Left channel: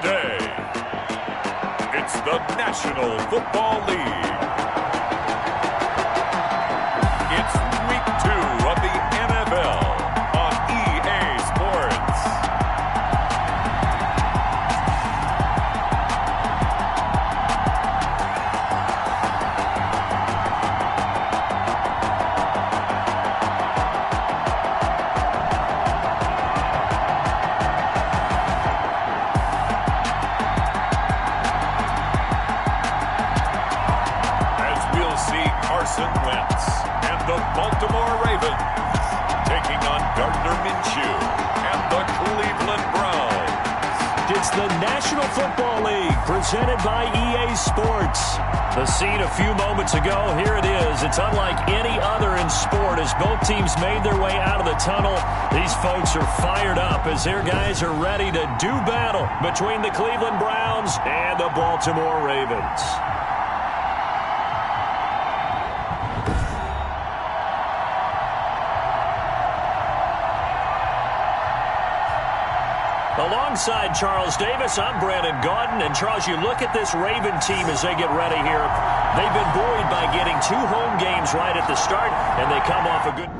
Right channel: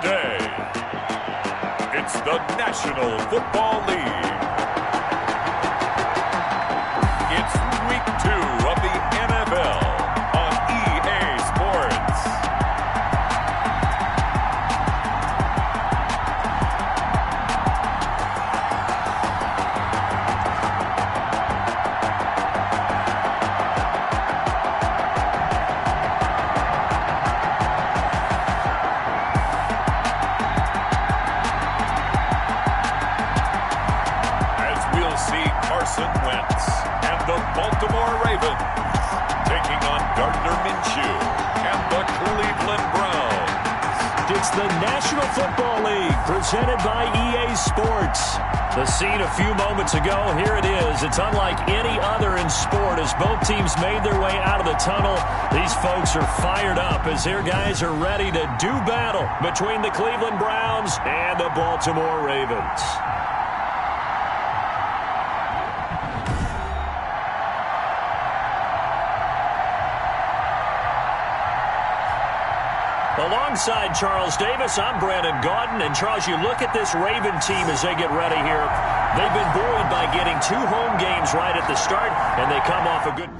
today. It's the National Football League. It's Week 2 of the NFL on EA Sports. Carson Wentz and the Baltimore Ravens taking on Gardner Minshew and the Cleveland Browns. It's the National Football League presented by EA Sports. The scene a few moments ago, here it is. It's unlike any other in sport as both teams made their way out of the tunnel. These folks are fired up as their guys are ready to do battle between the Cleveland Browns and the Baltimore Ravens. Alongside Charles Davis, I'm Brandon Gaudin. And Charles, you look at this Raven team as they get ready here. They've been buoyed by getting 2 home games right at the start, and they come off a good...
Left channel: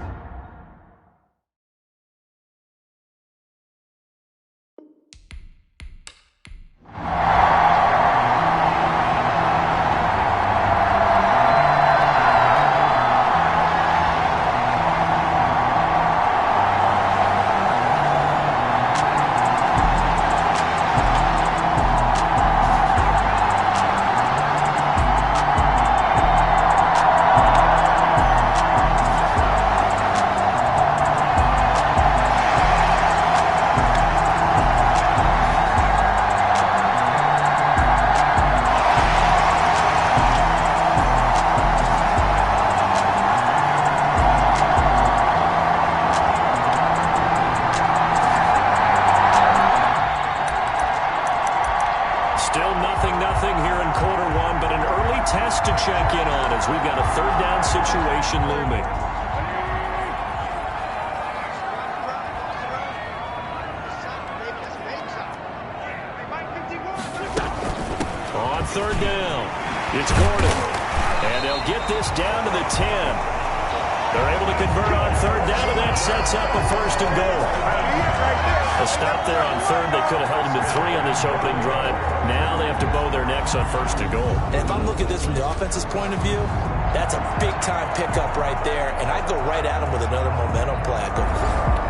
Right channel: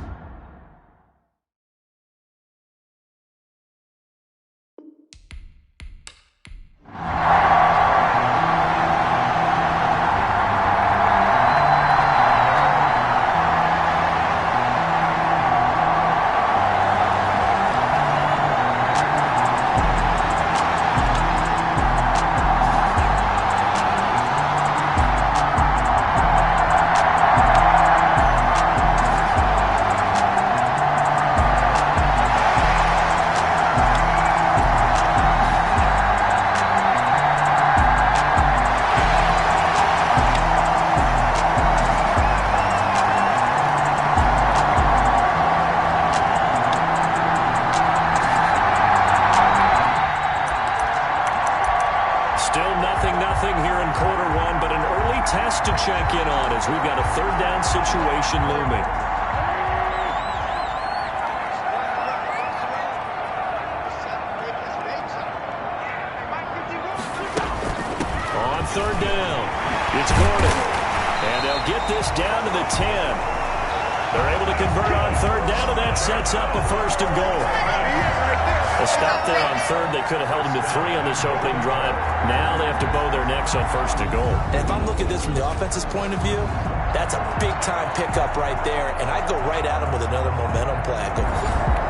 here in quarter one, but an early test to check in on as we've got a third down situation looming. On third down, it's Gordon, and they'll get this down to the 10. They're able to convert on third down, and that sets up a first and goal. A stop there on third. They could have held him to 3 on this opening drive. Now they have to bow their necks on first and goal. And if I'm looking at this from the offense's point of view, that's a big-time pickup right there. And I'd go right at him with another momentum play. I'd go quick.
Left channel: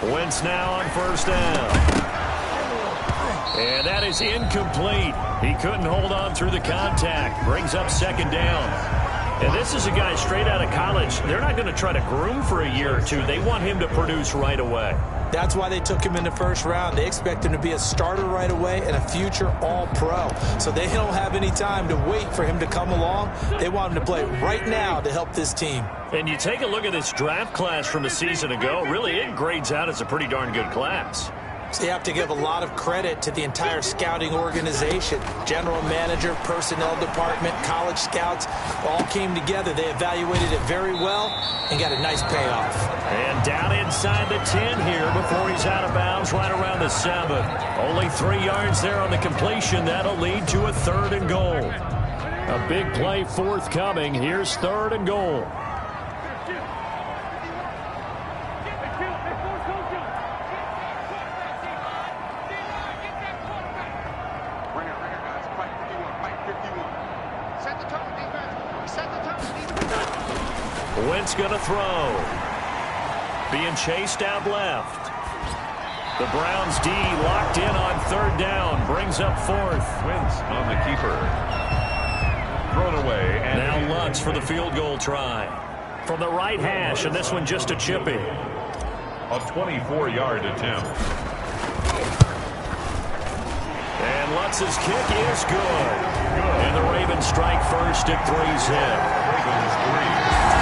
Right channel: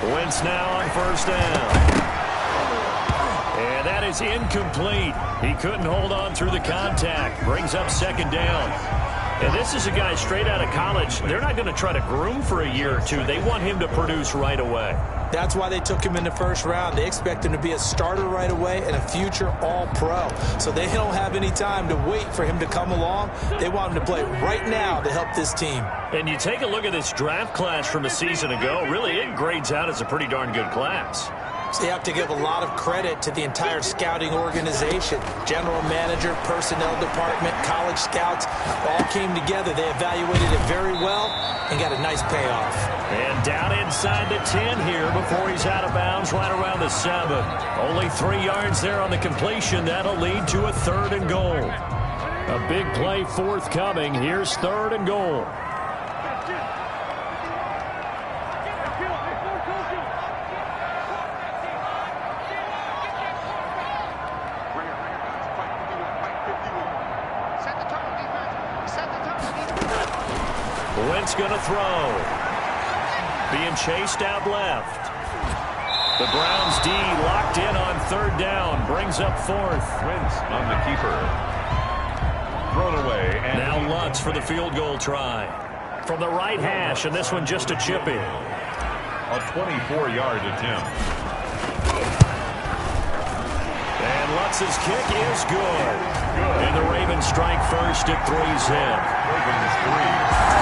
Wentz now on first down. And that is incomplete. He couldn't hold on through the contact. Brings up second down. And this is a guy straight out of college. They're not going to try to groom for a year or two. They want him to produce right away. That's why they took him in the first round. They expect him to be a starter right away and a future all-pro. So they don't have any time to wait for him to come along. They want him to play right now to help this team. And you take a look at this draft class from a season ago, really it grades out as a pretty darn good class. So you have to give a lot of credit to the entire scouting organization. General manager, personnel department, college scouts, all came together. They evaluated it very well and got a nice payoff. And down inside the 10 here before he's out of bounds right around the 7. Only 3 yards there on the completion. That'll lead to a third and goal. A big play forthcoming. Here's third and goal. Wentz going to throw. Being chased out left. The Browns D locked in on third down. Brings up fourth. Wentz on the keeper. Thrown away. And now Lutz for the field goal try. From the right hash, and this one just a chippy. A 24-yard attempt. And Lutz's kick is good. And the Ravens strike first at 3-zip. Ravens 3.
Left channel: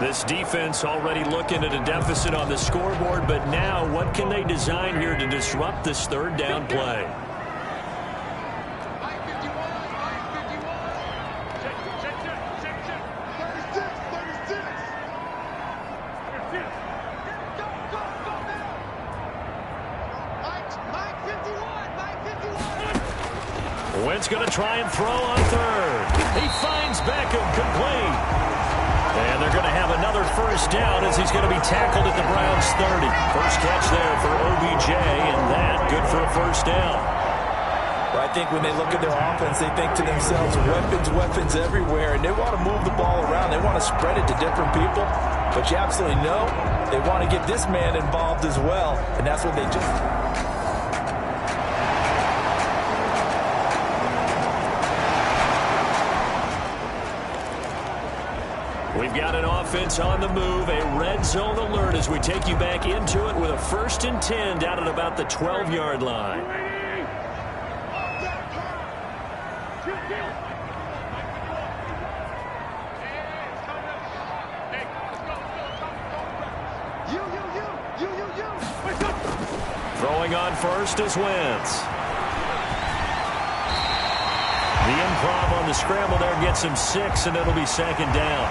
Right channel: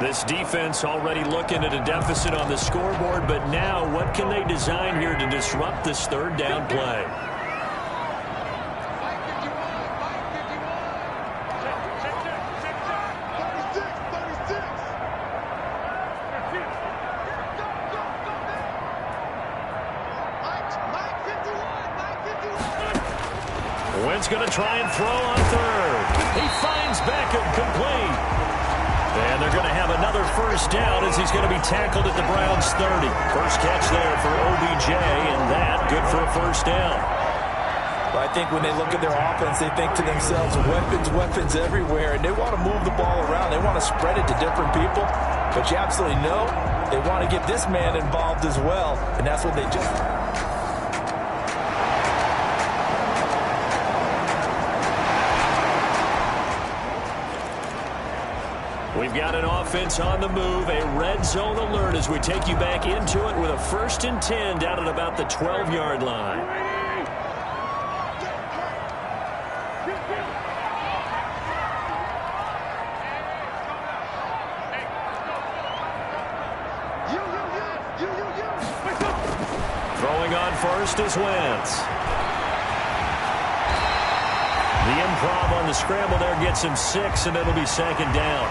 This defense already looking at a deficit on the scoreboard, but now what can they design here to disrupt this third down play? Line 51, line 51. Check. 36. Go now. Line 51. Wentz going to try and throw on third. He finds Beckham complete. And they're going to have another first down as he's going to be tackled at the Browns' 30. First catch there for OBJ, and that good for a first down. Well, I think when they look at their offense, they think to themselves, weapons everywhere, and they want to move the ball around. They want to spread it to different people, but you absolutely know they want to get this man involved as well, and that's what they just... We've got an offense on the move, a red zone alert as we take you back into it with a 1st and 10 down at about the 12-yard line. Throwing on first is Wentz. The improv on the scramble there gets him 6, and it'll be 2nd down.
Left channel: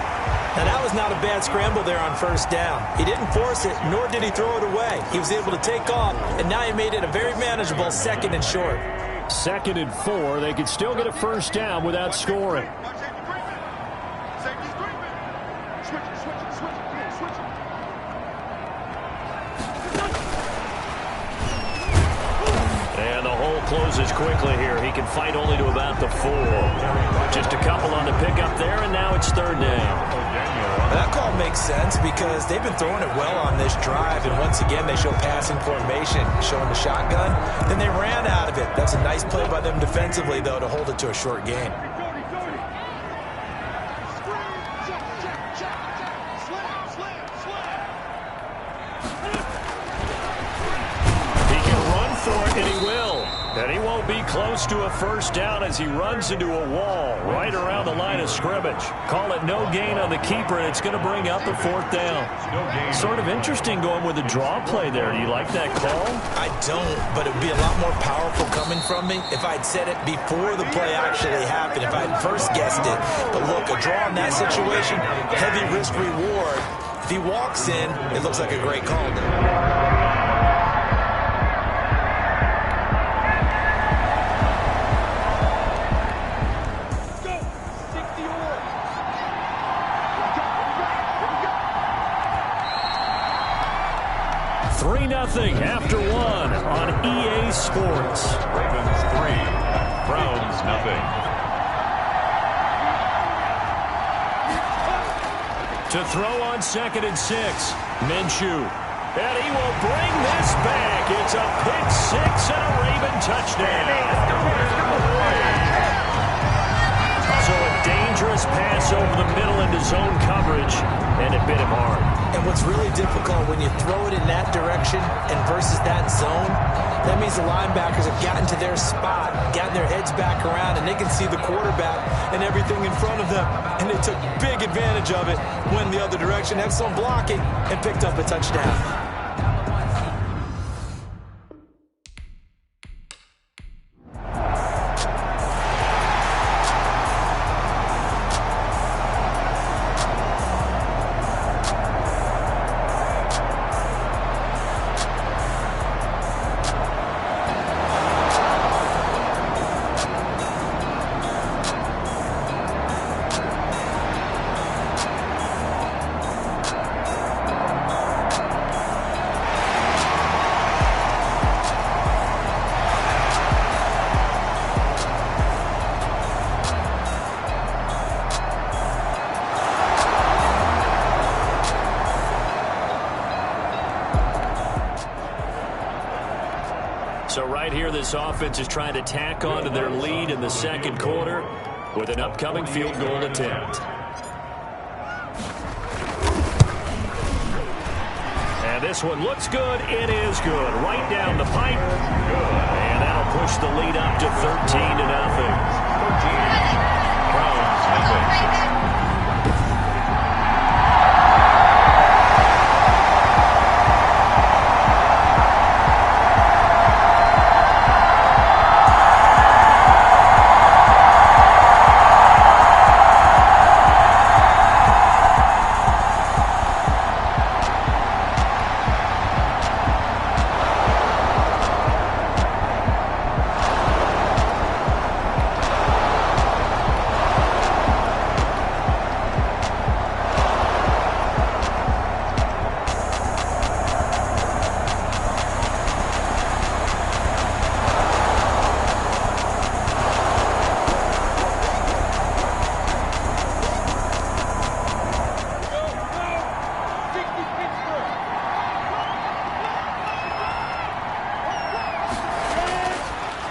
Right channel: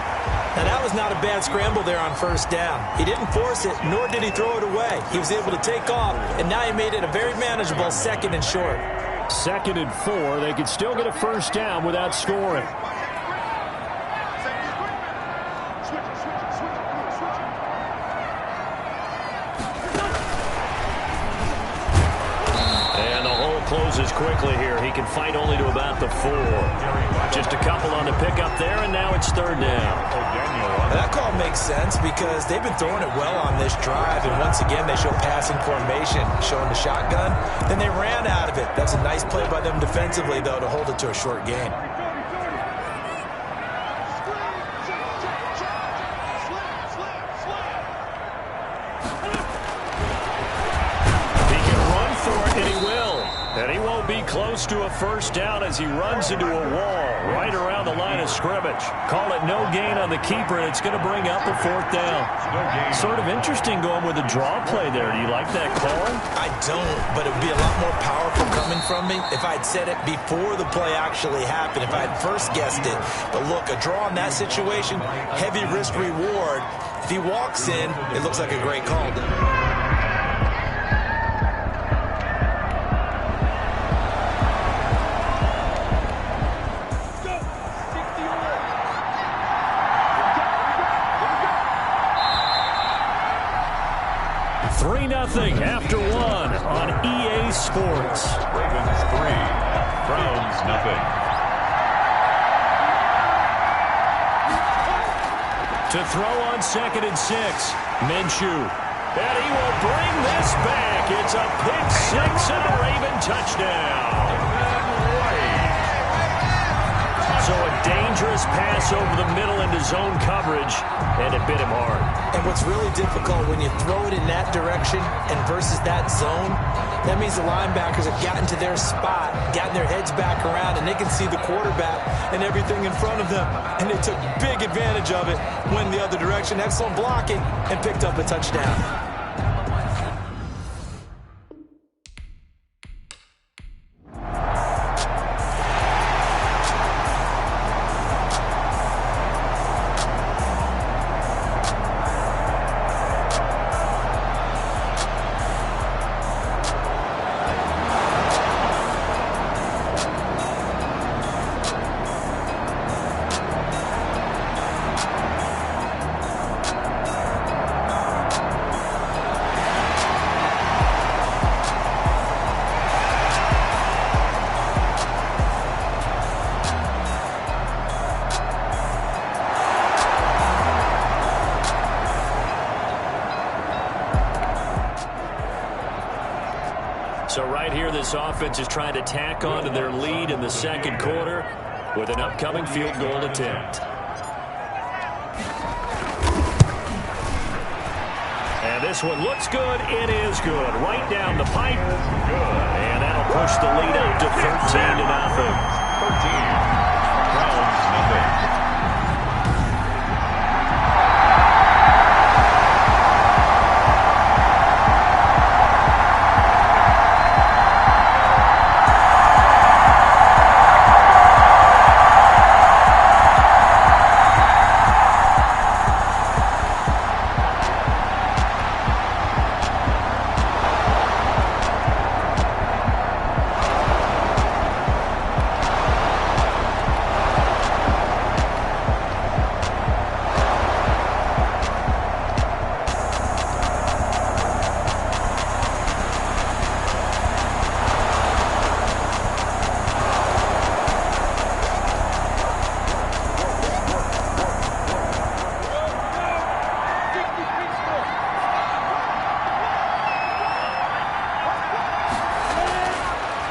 Now, that was not a bad scramble there on first down. He didn't force it, nor did he throw it away. He was able to take off, and now he made it a very manageable 2nd and short. 2nd and 4. They could still get a first down without scoring. And the hole closes quickly here. He can fight only to about the 4. Just a couple on the pickup there, and now it's 3rd down. That call makes sense because they've been throwing it well on this drive, and once again they show passing formation, showing the shotgun. Then they ran out of it. That's a nice play by them defensively, though, to hold it to a short gain. And he will. And he won't be close to a first down as he runs into a wall right around the line of scrimmage. Call it no gain on the keeper, and it's going to bring up a 4th down. Sort of interesting going with a draw play there. Do you like that call? I don't, but it would be a lot more powerful coming from me if I'd said it before the play actually happened, if I had first guessed it. But look, a draw in that situation, heavy risk reward. If he walks in, it looks like a great call. Nothing after 1 on EA Sports. Ravens 3, Browns nothing. To throw on 2nd and 6, Minshew. And he will bring this back. It's a pick 6 and a Raven touchdown. So a dangerous pass over the middle into zone coverage, and it bit him hard. And what's really difficult when you throw it in that direction and versus that zone, that means the linebackers have gotten to their spot, gotten their heads back around, and they can see the quarterback and everything in front of them. And they took big advantage of it, went the other direction, excellent blocking, and picked up a touchdown. So right here, this offense is trying to tack on to their lead in the second quarter with an upcoming field goal attempt. And this one looks good. It is good. Right down the pipe. Good. And that'll push the lead up to 13-0. 13. Browns nothing.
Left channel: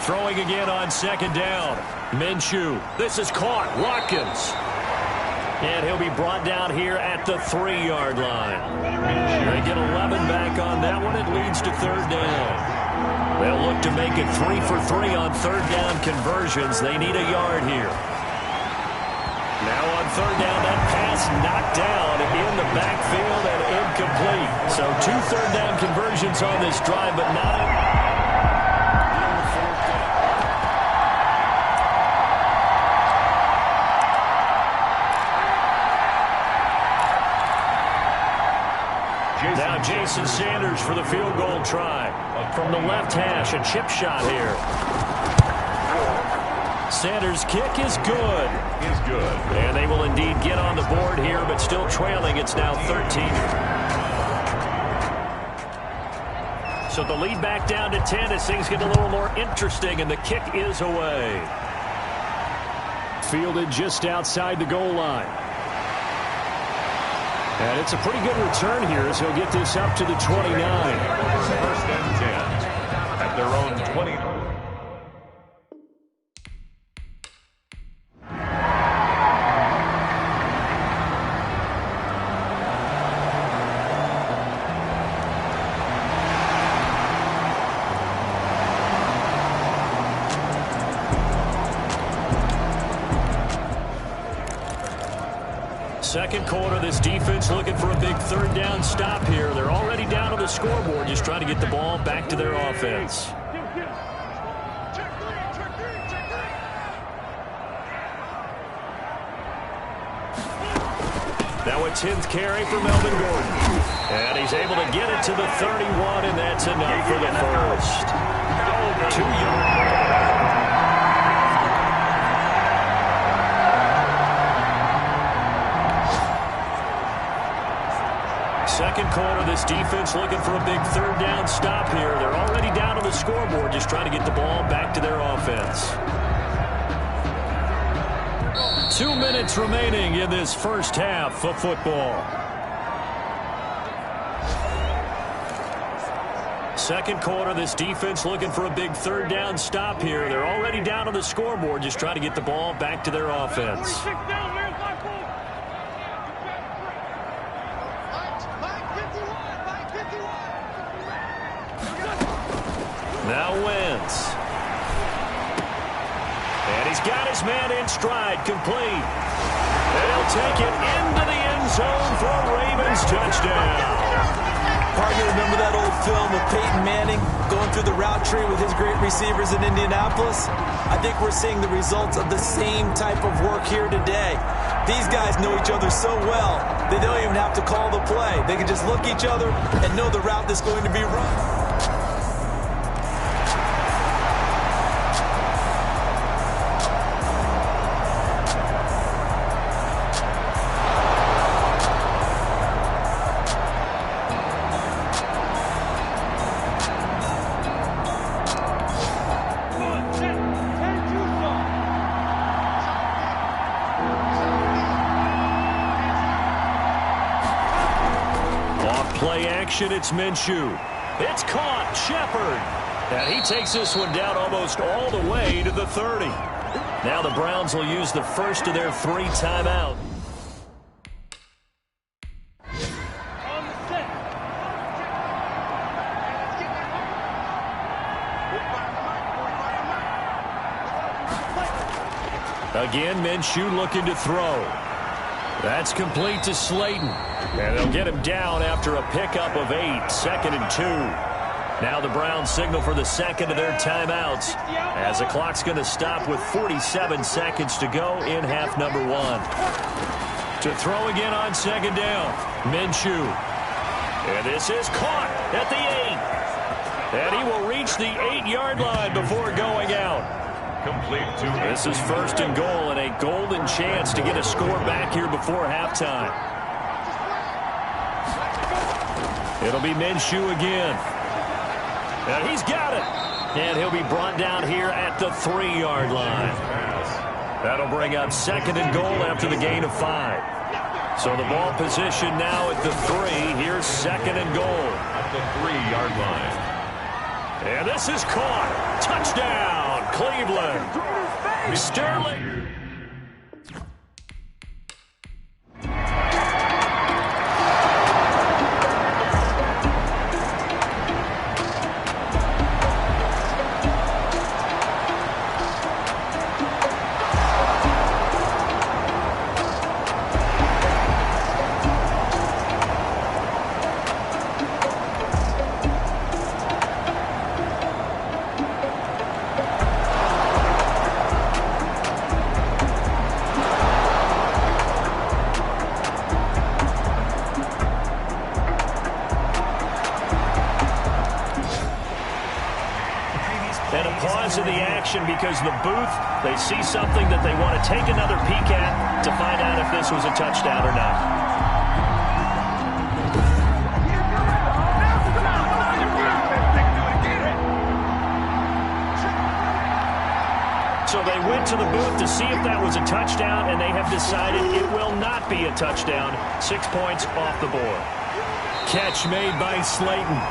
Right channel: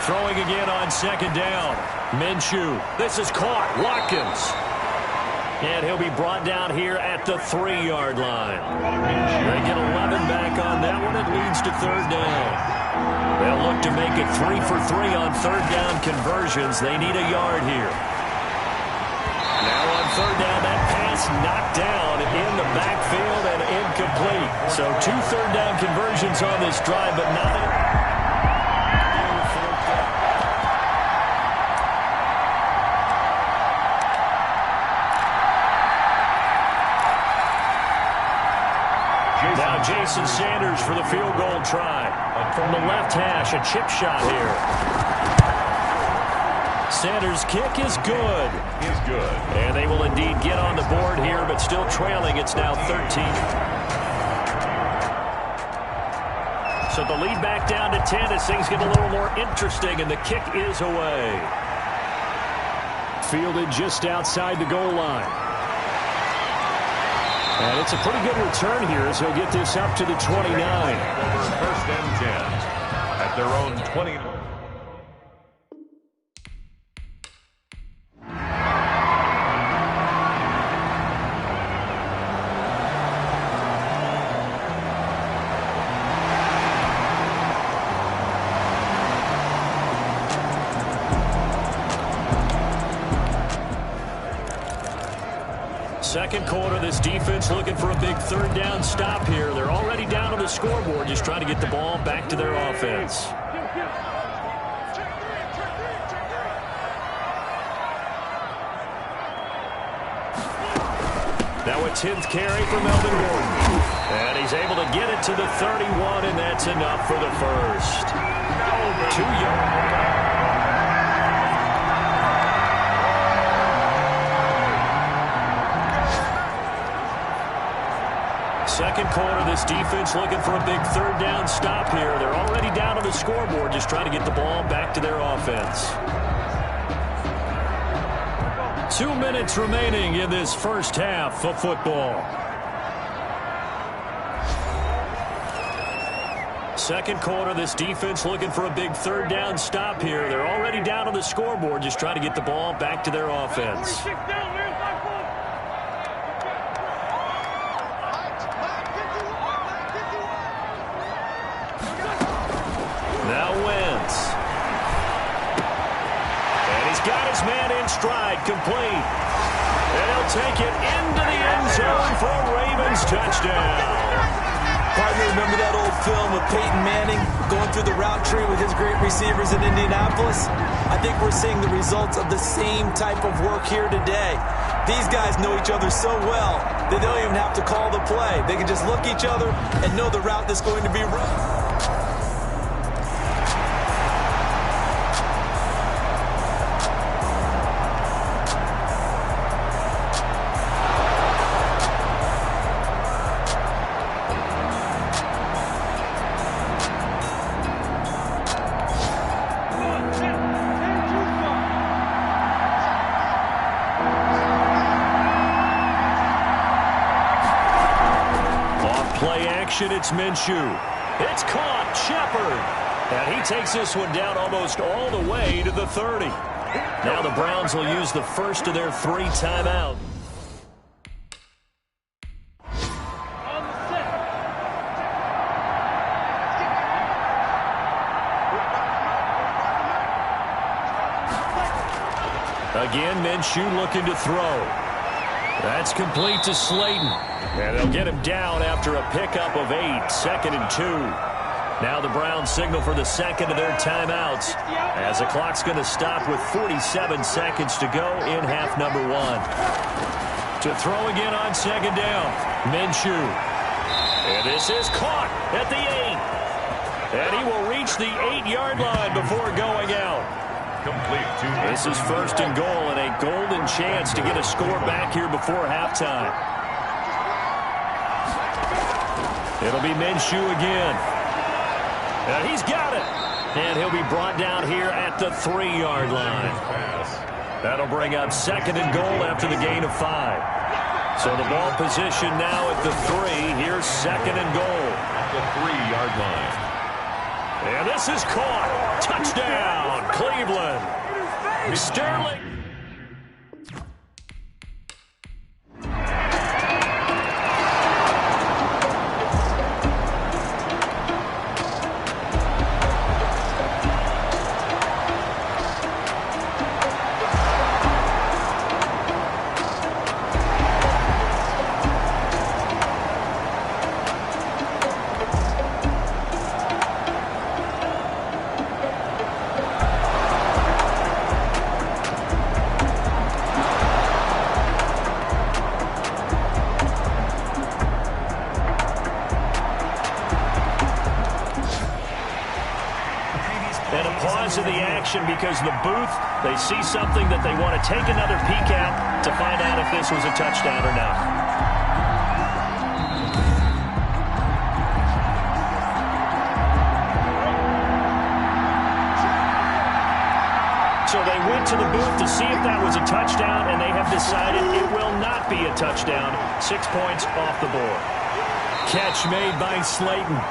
Throwing again on second down. Minshew. This is caught. Watkins. And he'll be brought down here at the 3-yard line. They get 11 back on that one. It leads to third down. They'll look to make it 3 for 3 on third down conversions. They need a yard here. Now on third down, that pass knocked down in the backfield and incomplete. So 2 third down conversions on this drive, but not in. Now Jason Sanders for the field goal try. From the left hash, a chip shot here. Sanders' kick is good. Is good. And they will indeed get on the board here, but still trailing. It's now 13. So the lead back down to 10 as things get a little more interesting, and the kick is away. Fielded just outside the goal line. And it's a pretty good return here as he'll get this up to the 29. Over first and 10 at their own 20. Second quarter, this defense looking for a big third down stop here. They're already down on the scoreboard, just trying to get the ball back to their offense. Now a 10th carry for Melvin Gordon. And he's able to get it to the 31, and that's enough for the first. 2 yards. Second quarter, this defense looking for a big third down stop here. They're already down on the scoreboard, just trying to get the ball back to their offense. 2 minutes remaining in this first half of football. Second quarter, this defense looking for a big third down stop here. They're already down on the scoreboard, just trying to get the ball back to their offense. Now Wentz. And he's got his man in stride, complete. And he'll take it into the end zone for a Ravens touchdown. Partner, remember that old film of Peyton Manning going through the route tree with his great receivers in Indianapolis? I think we're seeing the results of the same type of work here today. These guys know each other so well, they don't even have to call the play. They can just look each other and know the route that's going to be run. Play action, it's Minshew. It's caught. Shepard. And he takes this one down almost all the way to the 30. Now the Browns will use the first of their 3 timeouts. On the set. Again, Minshew looking to throw. That's complete to Slayton. And they'll get him down after a pickup of 8, 2nd and 2. Now the Browns signal for the second of their timeouts as the clock's going to stop with 47 seconds to go in half number 1. To throw again on 2nd down, Minshew. And this is caught at the 8. And he will reach the 8-yard line before going out. Complete to This is 1st and goal and a golden chance to get a score back here before halftime. It'll be Minshew again. And he's got it. And he'll be brought down here at the 3-yard line. That'll bring up 2nd and goal after the gain of 5. So the ball position now at the 3. Here's 2nd and goal. At the 3-yard line. And this is caught. Touchdown, Cleveland. Sterling. In the action because the booth, they see something that they want to take another peek at to find out if this was a touchdown or not. So they went to the booth to see if that was a touchdown, and they have decided it will not be a touchdown. 6 points off the board. Catch made by Slayton.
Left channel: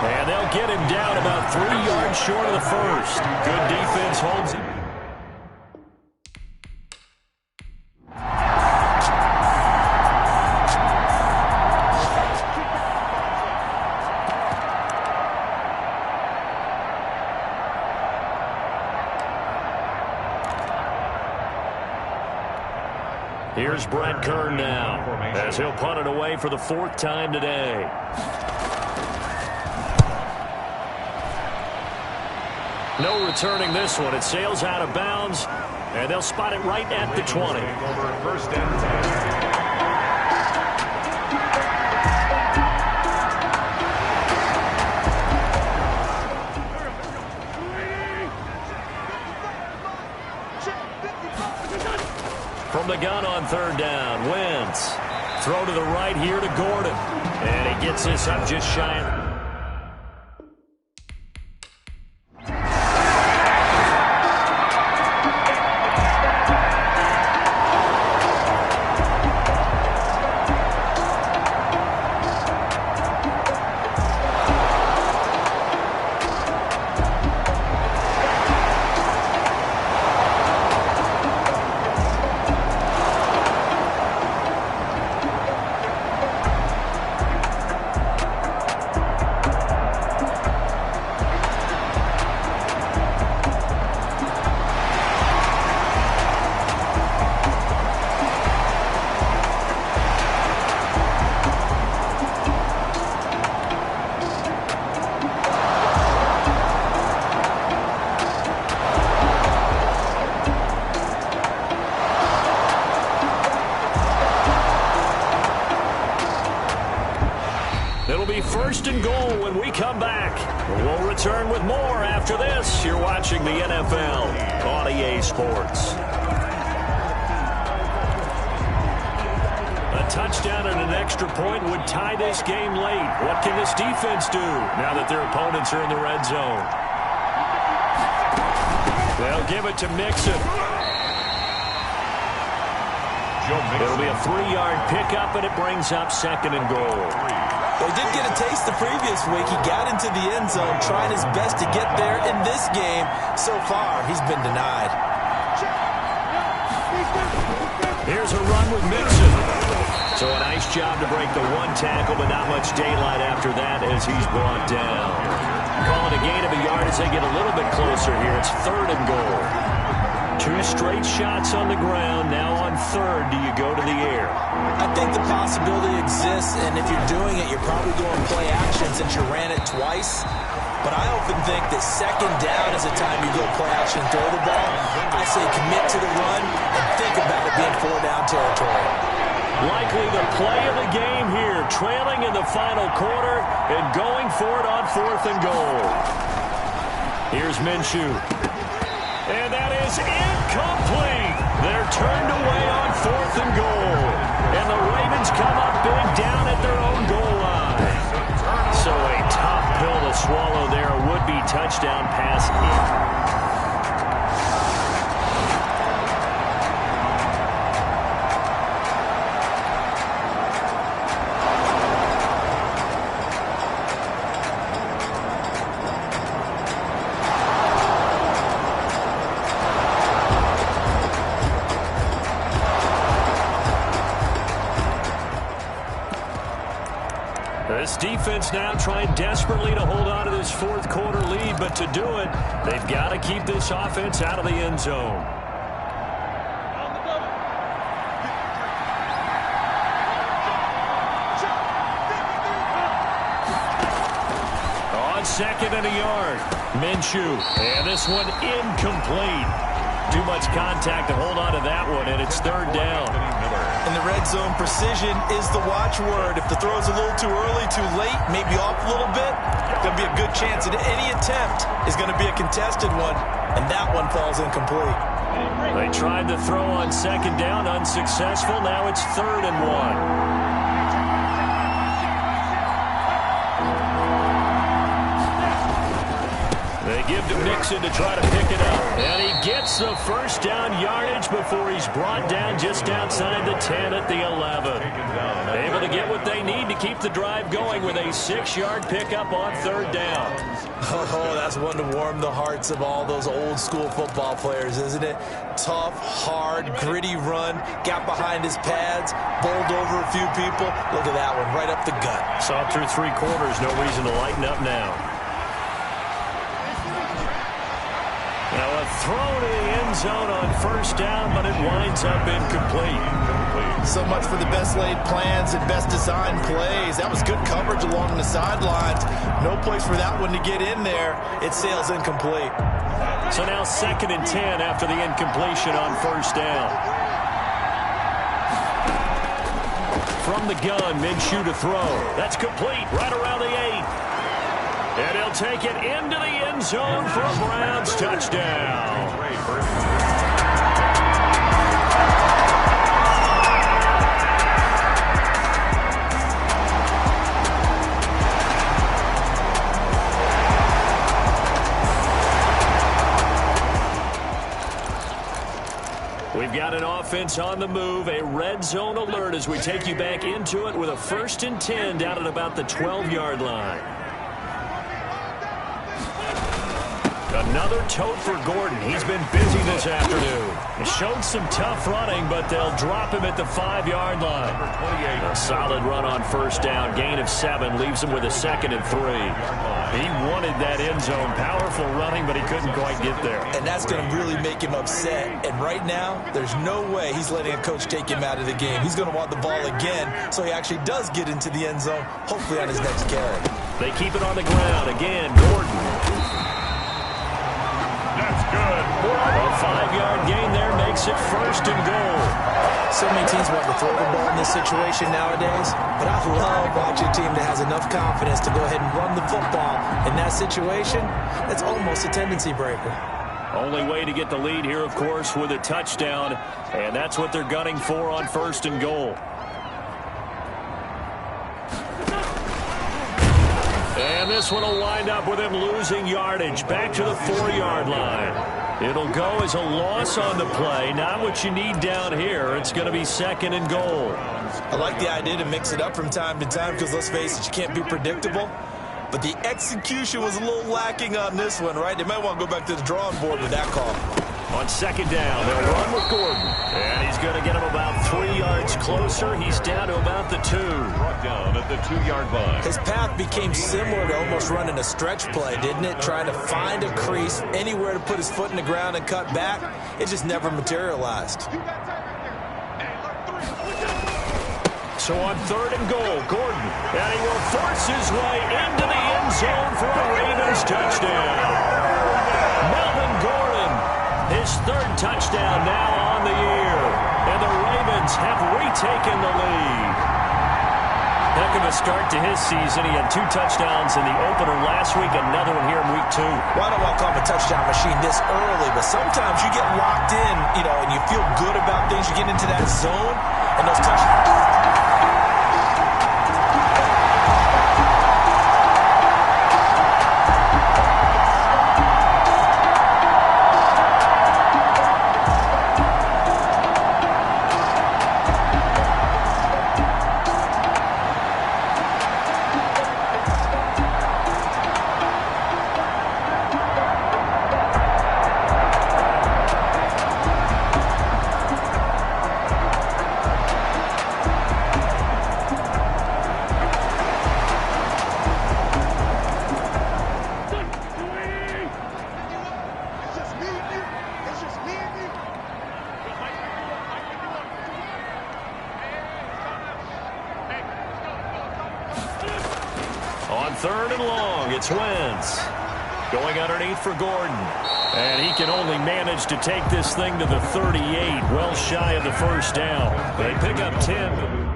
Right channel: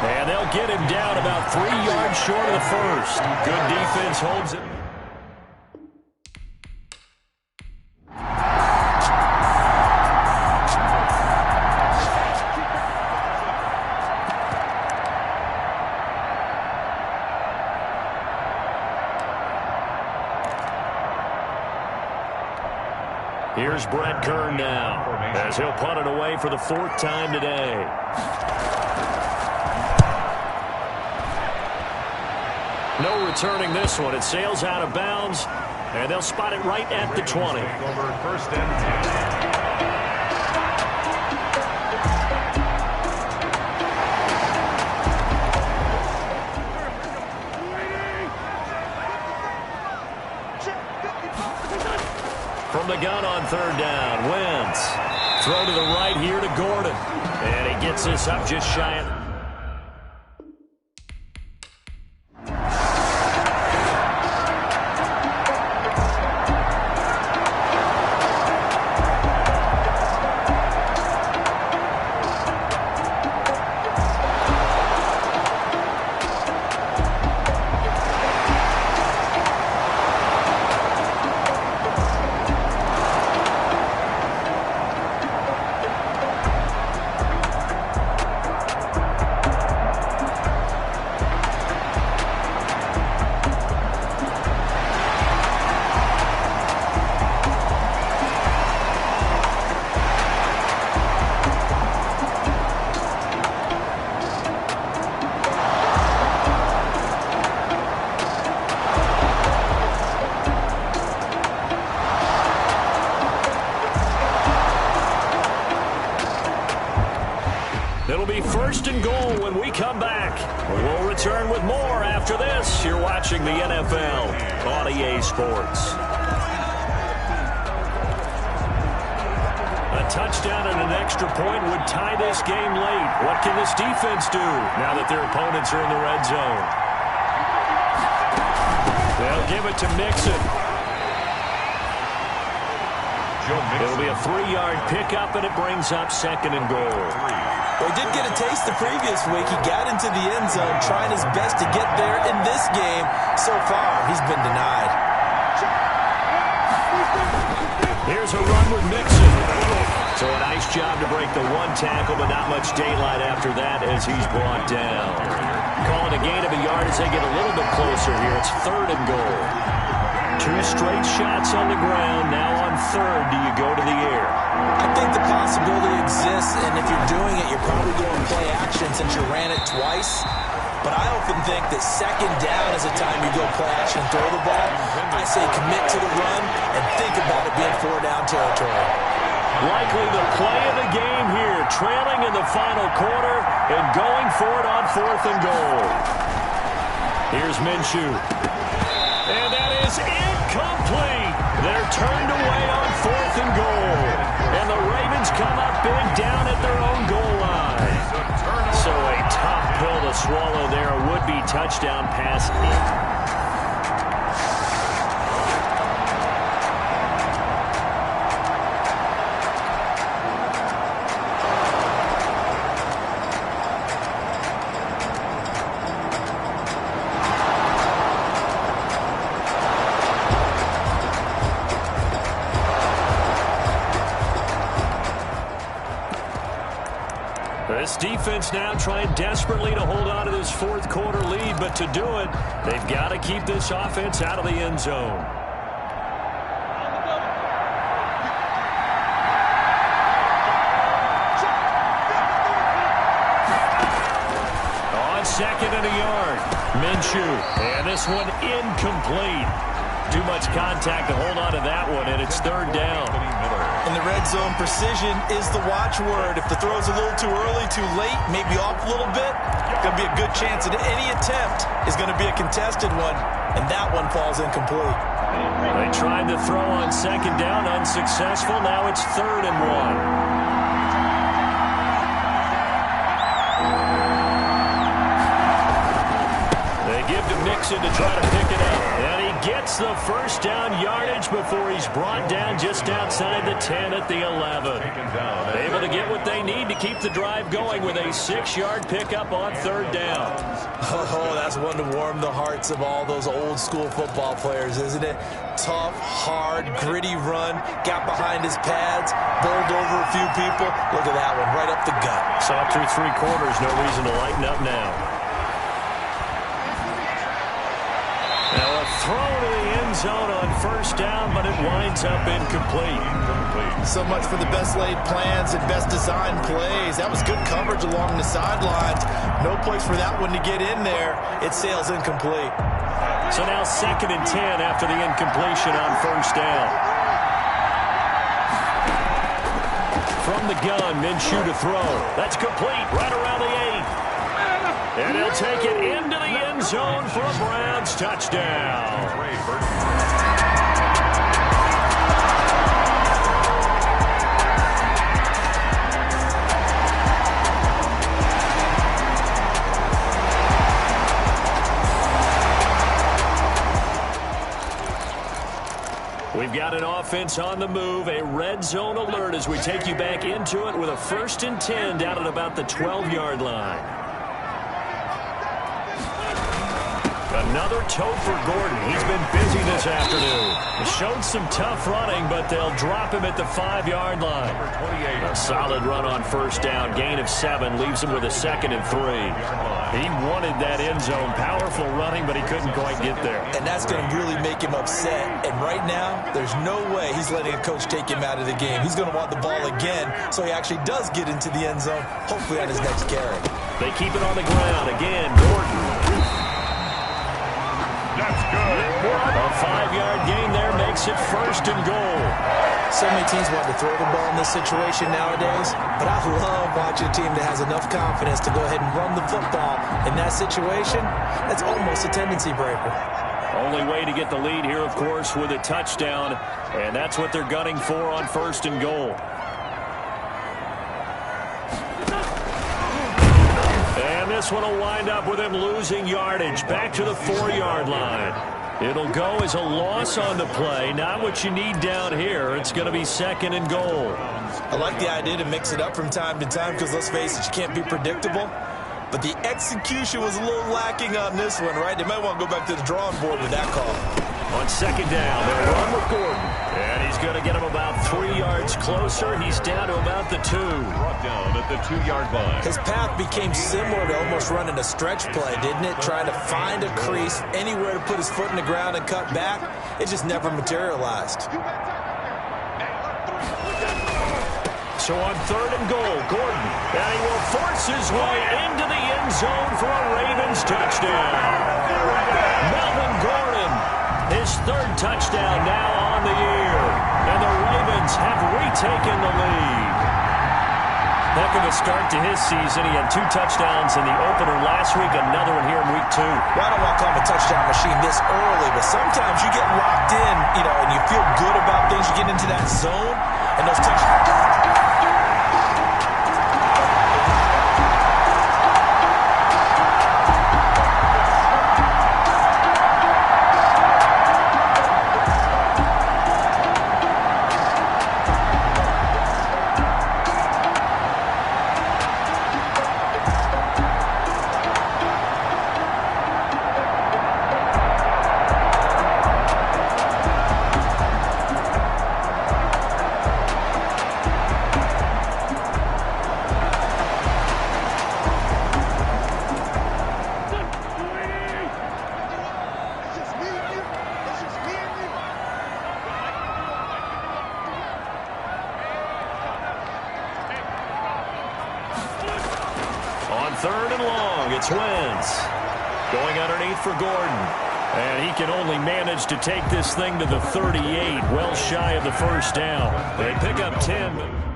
And they'll get him down about 3 yards short of the first. Good defense holds it. Here's Brett Kern now as he'll punt it away for the 4th time today. No returning this one. It sails out of bounds, and they'll spot it right at the 20. Over 1st and 10. From the gun on 3rd down, Wentz. Throw to the right here to Gordon. And he gets this up just shy of... It'll be 1st and goal when we come back. We'll return with more after this. You're watching the NFL on EA Sports. A touchdown and an extra point would tie this game late. What can this defense do now that their opponents are in the red zone? They'll give it to Mixon. It'll be a 3-yard pickup, and it brings up 2nd and goal. Well, he did get a taste the previous week. He got into the end zone, trying his best to get there in this game. So far, he's been denied. Here's a run with Mixon. So a nice job to break the one tackle, but not much daylight after that as he's brought down. Calling a gain of a yard as they get a little bit closer here. It's 3rd and goal. 2 straight shots on the ground. Now on 3rd, do you go to the air? I think the possibility exists, and if you're doing it, you're probably going play action since you ran it twice. But I often think that 2nd down is the time you go play action and throw the ball. I say commit to the run and think about it being 4-down territory. Likely the play of the game here, trailing in the final quarter and going for it on 4th and goal. Here's Minshew. And that is incomplete. They're turned away on 4th and goal. And the Ravens come up big down at their own goal line. So a tough pill to swallow there. A would-be touchdown pass in. This defense now trying desperately to hold on to this 4th quarter lead, but to do it, they've got to keep this offense out of the end zone. On 2nd and a yard, Minshew, and this one incomplete. Too much contact to hold on to that one, and it's 3rd down. In the red zone, precision is the watchword. If the throw's a little too early, too late, maybe off a little bit, going to be a good chance that any attempt is going to be a contested one, and that one falls incomplete. They tried to throw on 2nd down, unsuccessful. Now it's 3rd and 1. They give to Mixon to try to pick it up. And he gets the 1st down yardage before he's brought down just outside the 10 at the 11. Able to get what they need to keep the drive going with a 6-yard pickup on 3rd down. Oh, that's one to warm the hearts of all those old school football players, isn't it? Tough, hard, gritty run. Got behind his pads, bowled over a few people. Look at that one, right up the gut. Saw through 3 quarters, no reason to lighten up now. Now a throw to the end zone on 1st down, but it winds up incomplete. So much for the best laid plans and best designed plays. That was good coverage along the sidelines. No place for that one to get in there. It sails incomplete. So now 2nd and 10 after the incompletion on 1st down. From the gun, Minshew to throw. That's complete right around the 8. And he'll take it into the end zone for a Browns touchdown. We've got an offense on the move, a red zone alert as we take you back into it with a 1st and 10 down at about the 12-yard line. Another tote for Gordon. He's been busy this afternoon. He showed some tough running, but they'll drop him at the 5-yard line. A solid run on 1st down. Gain of 7 leaves him with a 2nd and 3. He wanted that end zone. Powerful running, but he couldn't quite get there. And that's going to really make him upset. And right now, there's no way he's letting a coach take him out of the game. He's going to want the ball again, so he actually does get into the end zone, hopefully on his next carry. They keep it on the ground. Again, Gordon. That's good. A 5-yard gain there makes it 1st and goal. So many teams want to throw the ball in this situation nowadays, but I love watching a team that has enough confidence to go ahead and run the football. In that situation, that's almost a tendency breaker. Only way to get the lead here, of course, with a touchdown, and that's what they're gunning for on 1st and goal. And this one will wind up with him losing yardage back to the 4-yard line. It'll go as a loss on the play. Not what you need down here. It's going to be 2nd and goal. I like the idea to mix it up from time to time because, let's face it, you can't be predictable. But the execution was a little lacking on this one, right? They might want to go back to the drawing board with that call. On 2nd down, they'll run with Gordon. And he's going to get him about 3 yards closer. He's down to about the 2. Brought down at the 2-yard line. His path became similar to almost running a stretch play, didn't it? Trying to find a crease, anywhere to put his foot in the ground and cut back. It just never materialized. So on 3rd and goal, Gordon. And he will force his way into the end zone for a Ravens touchdown. Melvin Gordon, his 3rd touchdown now on the year. And the Ravens have retaken the lead. Heck of a start to his season. He had 2 touchdowns in the opener last week, another one here in week 2. Well, I don't want to call him a touchdown machine this early, but sometimes you get locked in, and you feel good about things. You get into that zone, and those touchdowns. On 3rd and long, it's Wentz. Going underneath for Gordon. And he can only manage to take this thing to the 38, well shy of the 1st down. They pick up 10.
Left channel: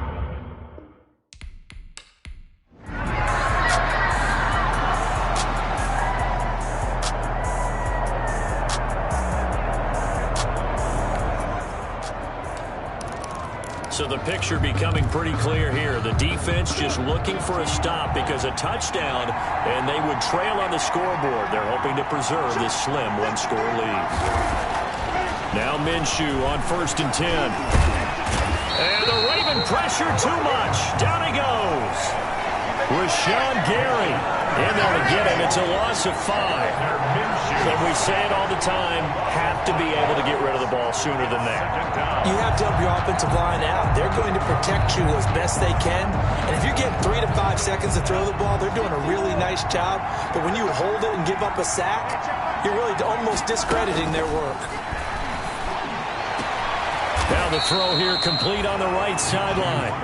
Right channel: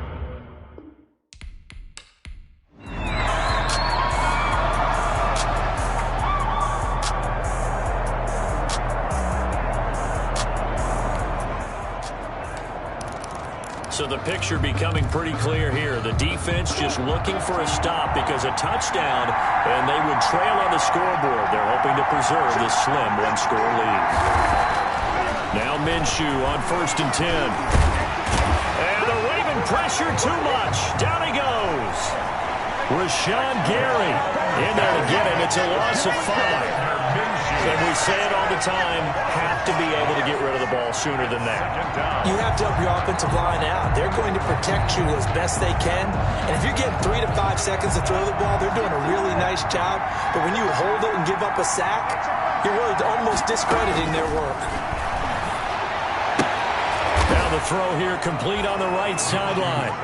So the picture becoming pretty clear here. The defense just looking for a stop because a touchdown, and they would trail on the scoreboard. They're hoping to preserve this slim 1-score lead. Now Minshew on 1st and 10. And the Raven pressure too much. Down he goes. Rashawn Gary in there to get him. It's a loss of 5. And we say it all the time, have to be able to get rid of the ball sooner than that. You have to help your offensive line out. They're going to protect you as best they can. And if you're getting 3 to 5 seconds to throw the ball, they're doing a really nice job. But when you hold it and give up a sack, you're really almost discrediting their work. Now the throw here complete on the right sideline.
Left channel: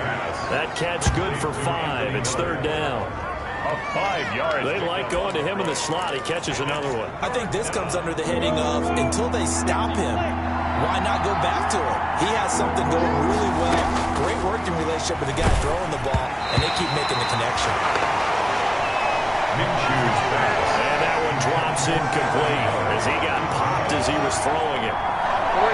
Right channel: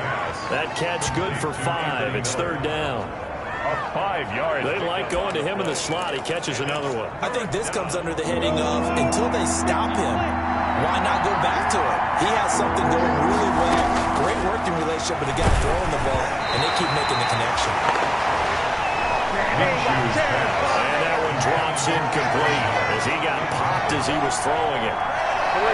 That catch good for 5. It's 3rd down. A 5-yard. They like going to him in the slot. He catches another one. I think this comes under the heading of until they stop him, why not go back to him? He has something going really well. Great working relationship with the guy throwing the ball, and they keep making the connection. Minshew's pass. And that one drops incomplete as he got popped as he was throwing it.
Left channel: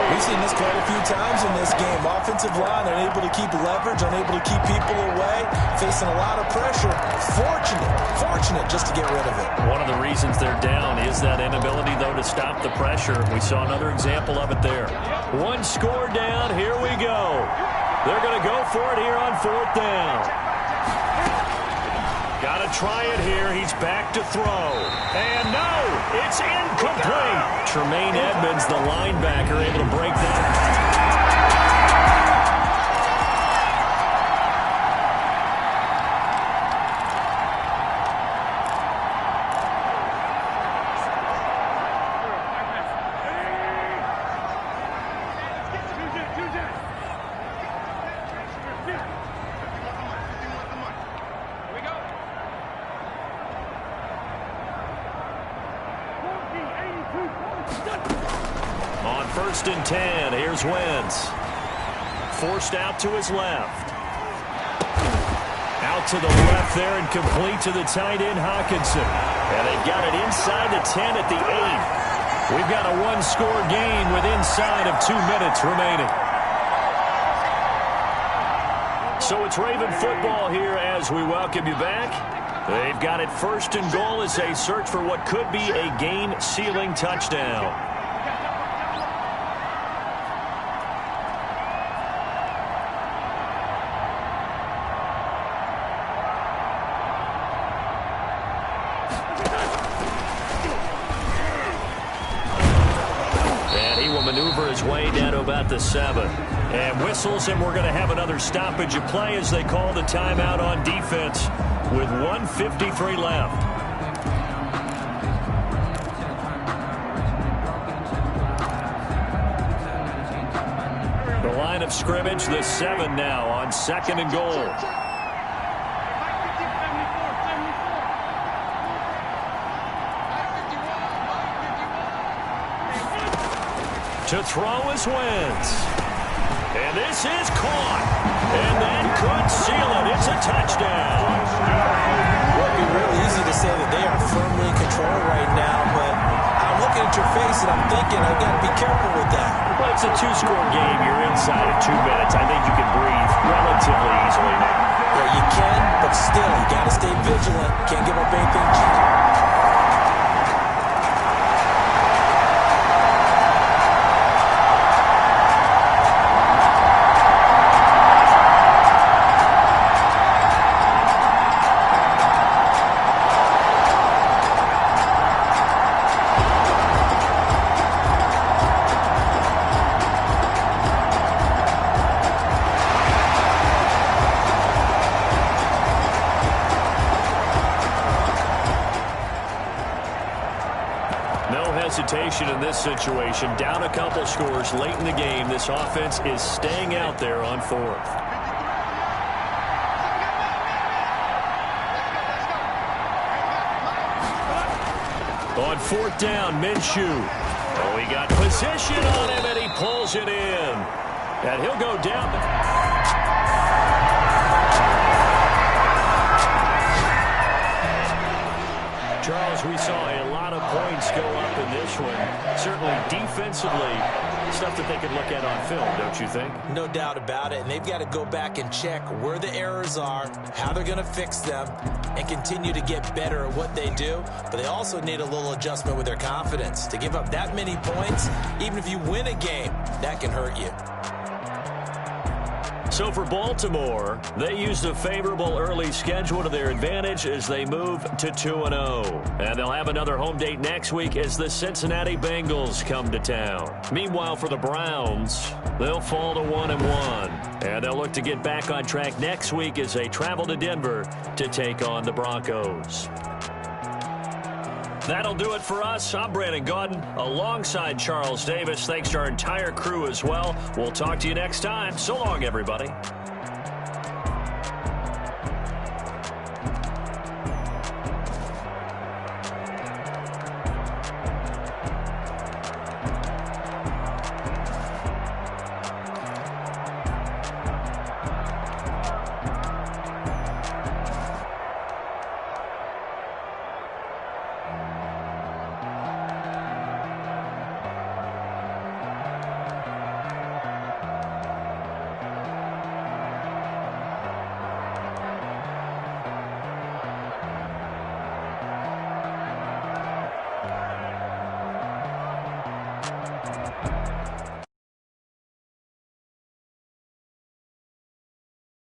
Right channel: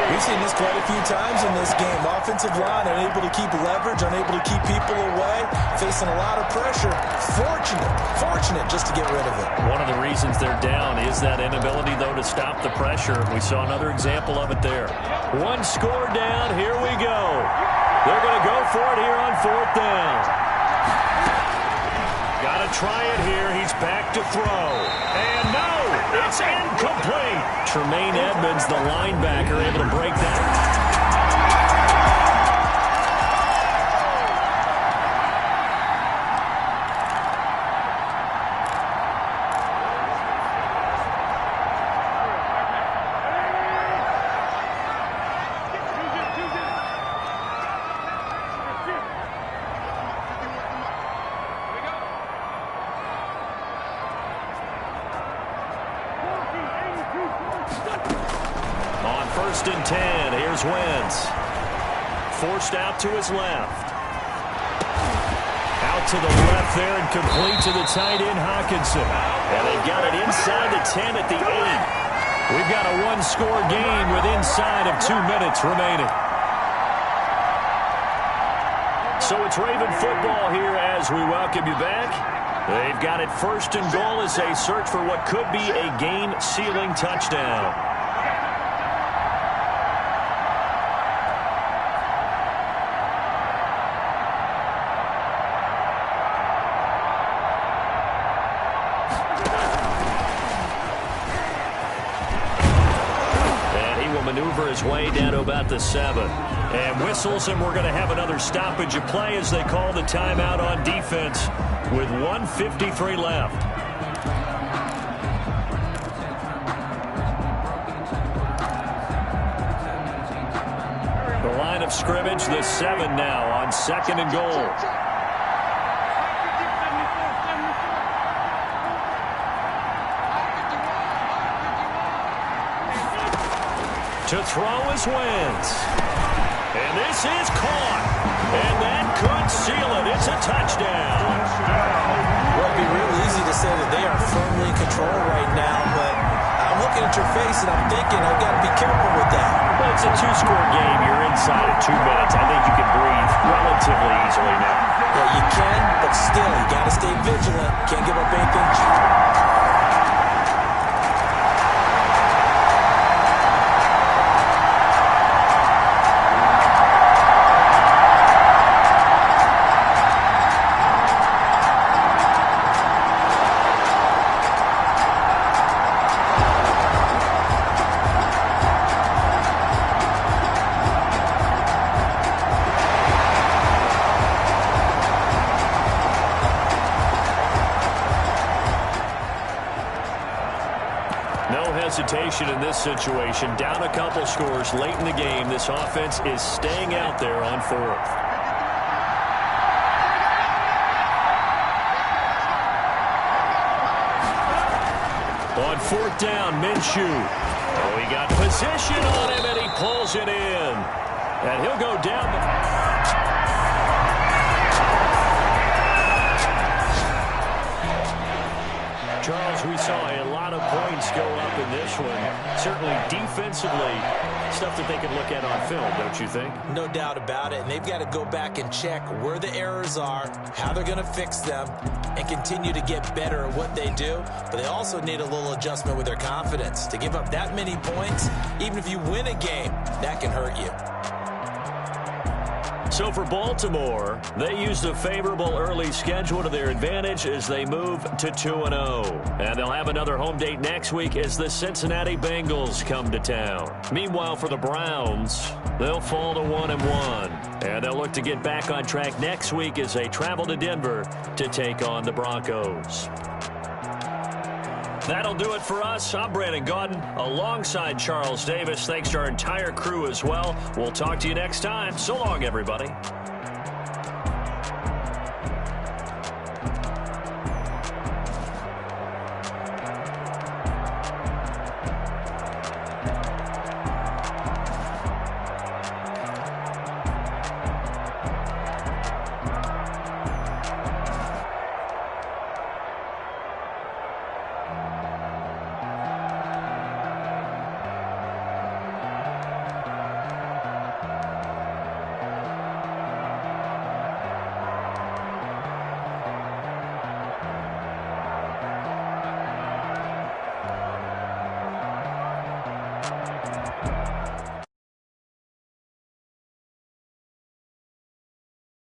We've seen this quite a few times in this game. Offensive line unable to keep leverage, unable to keep people away, facing a lot of pressure. Fortunate just to get rid of it. One of the reasons they're down is that inability, though, to stop the pressure. We saw another example of it there. 1 score down. Here we go. They're going to go for it here on 4th down. Got to try it here. He's back to throw. And no, it's incomplete. Tremaine Edmonds, the linebacker, able to break that. On 1st and 10, here's Wentz. Forced out to his left. Out to the left there and complete to the tight end, Hockenson. And they've got it inside the 10 at the 8. We've got a 1-score game with inside of 2 minutes remaining. So it's Raven football here as we welcome you back. They've got it 1st and goal as they search for what could be a game-sealing touchdown. maneuver his way down to about the 7. And whistles, and we're going to have another stoppage of play as they call the timeout on defense with 1:53 left. The line of scrimmage, the 7 now on 2nd and goal. To throw is Wentz. And this is caught. And that could seal it. It's a touchdown. Well, it'd be real easy to say that they are firmly in control right now, but I'm looking at your face and I'm thinking I've got to be careful with that. Well, it's a 2-score game. You're inside of 2 minutes. I think you can breathe relatively easily now. Yeah, you can, but still, you got to stay vigilant. Can't give up anything cheap. No hesitation in this situation. Down a couple scores late in the game. This offense is staying out there on 4th. On 4th down, Minshew. Oh, he got position on him, and he pulls it in. And he'll go down. Charles, we saw a lot of points go up in this one. Certainly defensively, stuff that they could look at on film, don't you think? No doubt about it. And they've got to go back and check where the errors are, how they're going to fix them, and continue to get better at what they do. But they also need a little adjustment with their confidence. To give up that many points, even if you win a game, that can hurt you. So for Baltimore, they used a favorable early schedule to their advantage as they move to 2-0. And they'll have another home date next week as the Cincinnati Bengals come to town. Meanwhile, for the Browns, they'll fall to 1-1. And they'll look to get back on track next week as they travel to Denver to take on the Broncos. That'll do it for us. I'm Brandon Gaudin alongside Charles Davis. Thanks to our entire crew as well. We'll talk to you next time. So long, everybody.